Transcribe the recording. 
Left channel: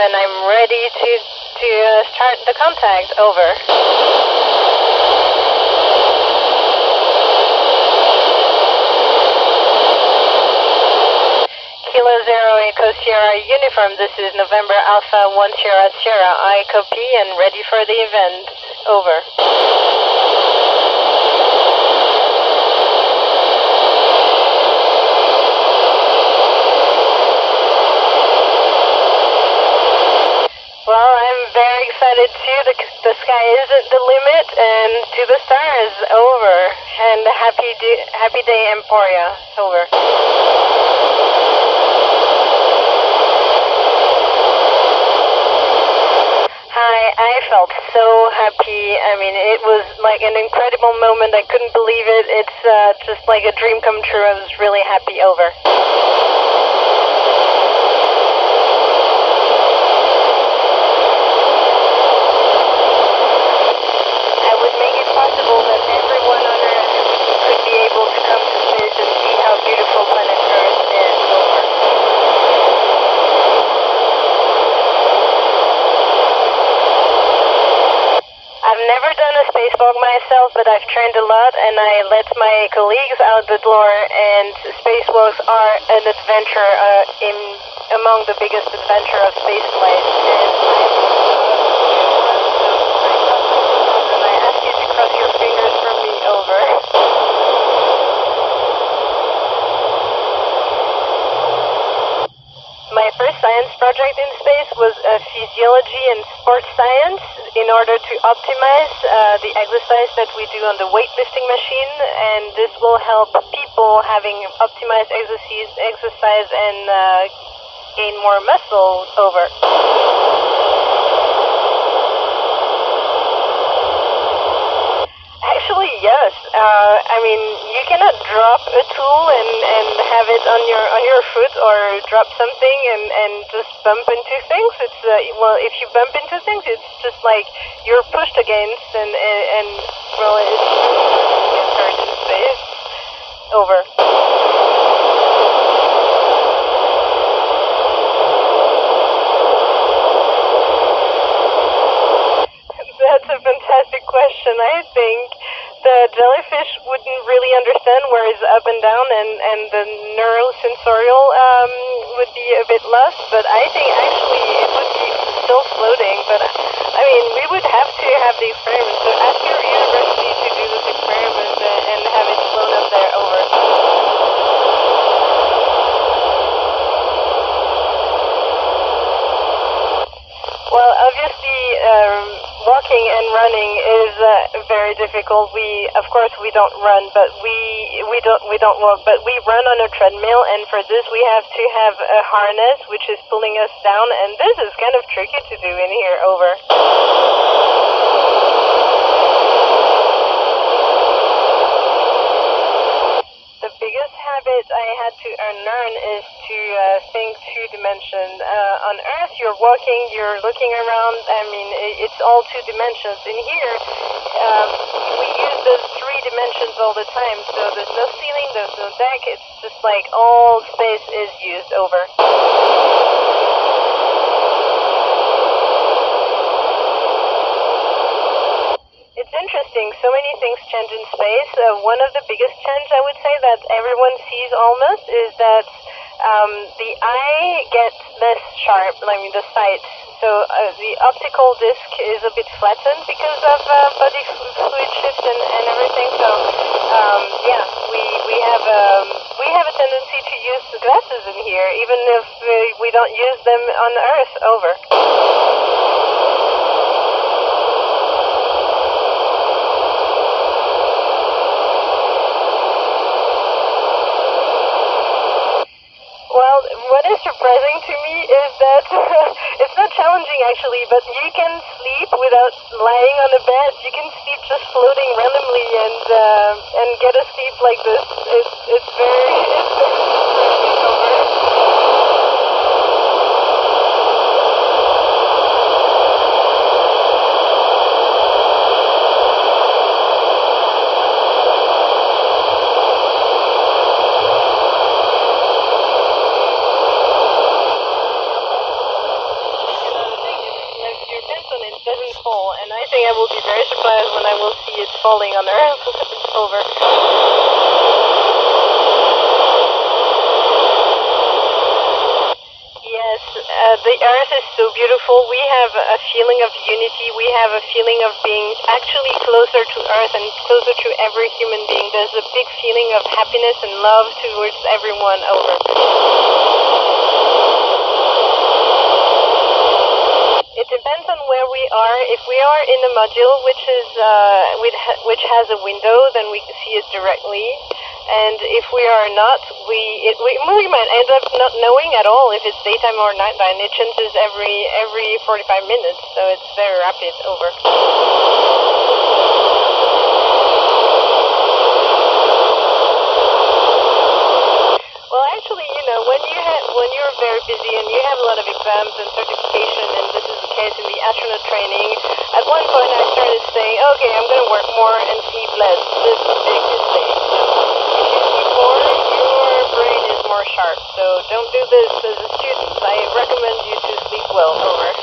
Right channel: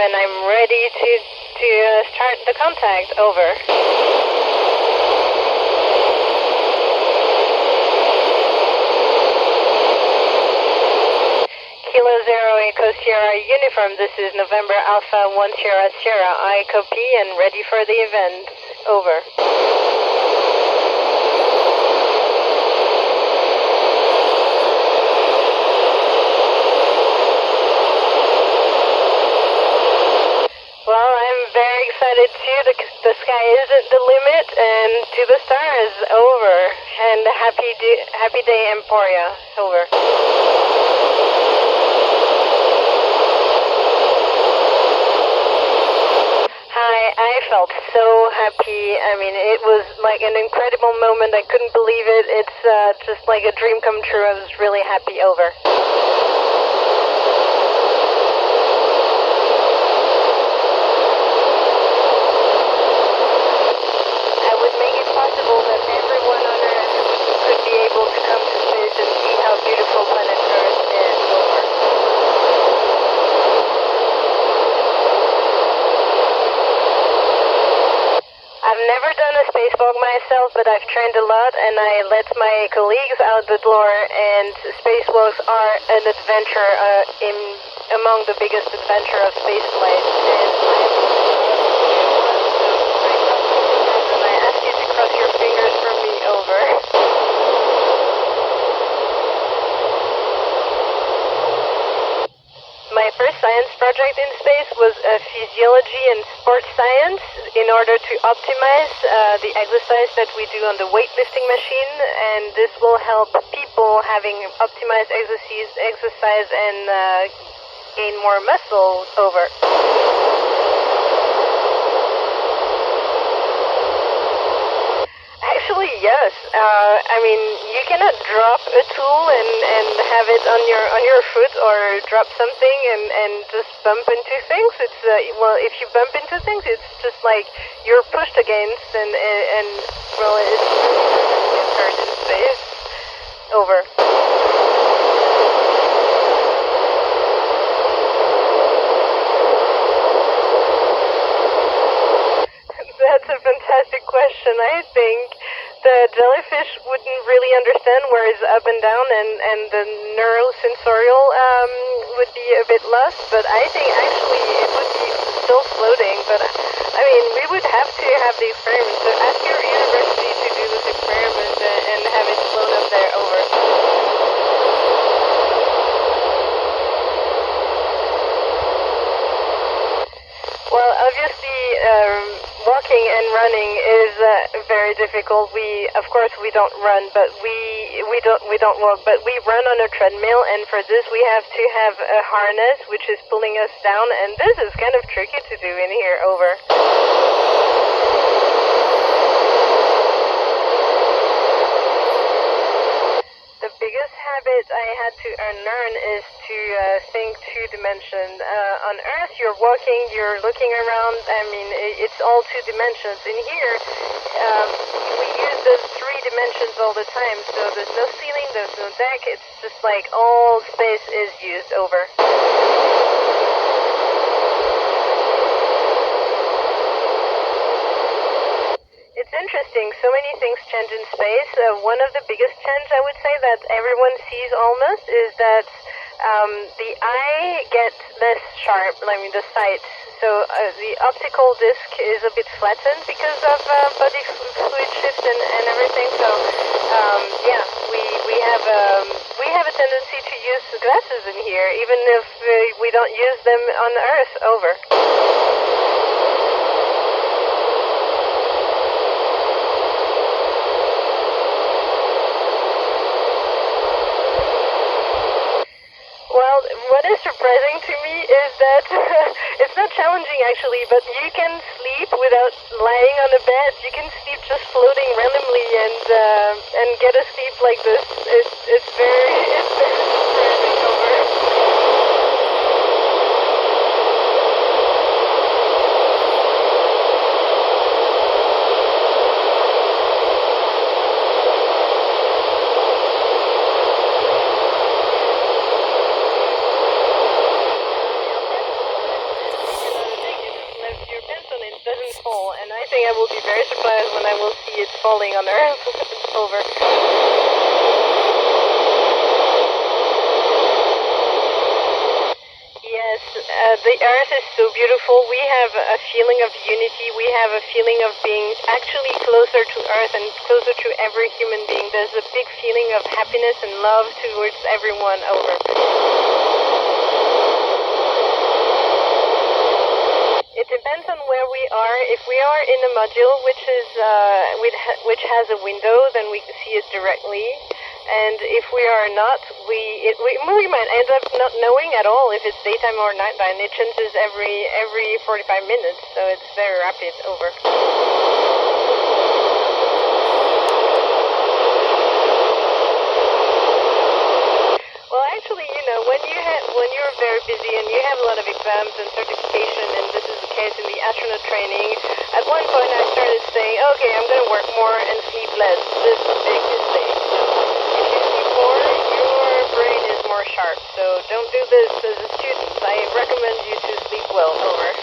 And I'm ready to start the contact. Over. Kilo Zero Echo Sierra Uniform, this is November Alpha 1 Sierra Sierra. I copy and ready for the event. Over. The sky isn't the limit, and to the stars. Over. And happy day, Emporia. Over. Hi, I felt so happy. I mean, it was like an incredible moment. I couldn't believe it. It's just like a dream come true. I was really happy. Over. But I've trained a lot, and I let my colleagues out the door, and spacewalks are an adventure, among the biggest adventure of spaceflight. And I ask you to cross your fingers for me. Over. My first science project in space was physiology and sports science in order to optimize the exercise that we do on the weightlifting machine, and this will help people having optimized exercise and gain more muscle. Over. Actually, yes. I mean, you cannot drop a tool and have it on your foot, or drop something and just bump into things. It's well, if you bump into things, it's just like you're pushed against, and well, it's hurt in space. Over. That's a fantastic question. I think the jellyfish wouldn't really understand where it's up and down, and the neurosensorial would be a bit lost, but I think actually it would be still floating. But I mean, we would have to have the experiment, so ask your university to do this experiment and have it float up there. Over. Well, obviously, walking and running is very difficult. Of course, we don't run, but we don't walk, but we run on a treadmill, and for this we have to have a harness which is pulling us down, and this is kind of tricky to do in here. Over. The biggest habit I had to unlearn is to think two dimension. On Earth, you're walking, you're looking around. I mean, it's all two dimensions. In here, we use those three dimensions all the time. So there's no ceiling, there's no deck. It's just like all space is used. Over. It's interesting. So many things change in space. One of the biggest change, I would say, that everyone sees almost is that the eye gets less sharp. I mean, the sight. So the optical disc is a bit flattened because of body fluid shift and everything. So yeah, we have a tendency to use glasses in here, even if we don't use them on Earth. Over. What is surprising to me is that it's not challenging actually, but you can sleep without lying on a bed. You can sleep just floating randomly and get a sleep like this. It's very interesting over. And I think I will be very surprised when I will see it falling on Earth. Over. Yes, the Earth is so beautiful. We have a feeling of unity. We have a feeling of being actually closer to Earth and closer to every human being. There's a big feeling of happiness and love towards everyone. Over. It depends on where we are. If we are in a module which which has a window, then we can see it directly. And if we are not, we might end up not knowing at all if it's daytime or nighttime. It changes every 45 minutes, so it's very rapid. Over. Well, actually, when you're very busy and you have a lot of exams and certification, and this is the case in the astronaut training, at one point I started saying, okay, I'm going to work more and sleep less. This is a big mistake. So if you sleep more, your brain is more sharp. So don't do this as a student. I recommend you to sleep well. Over.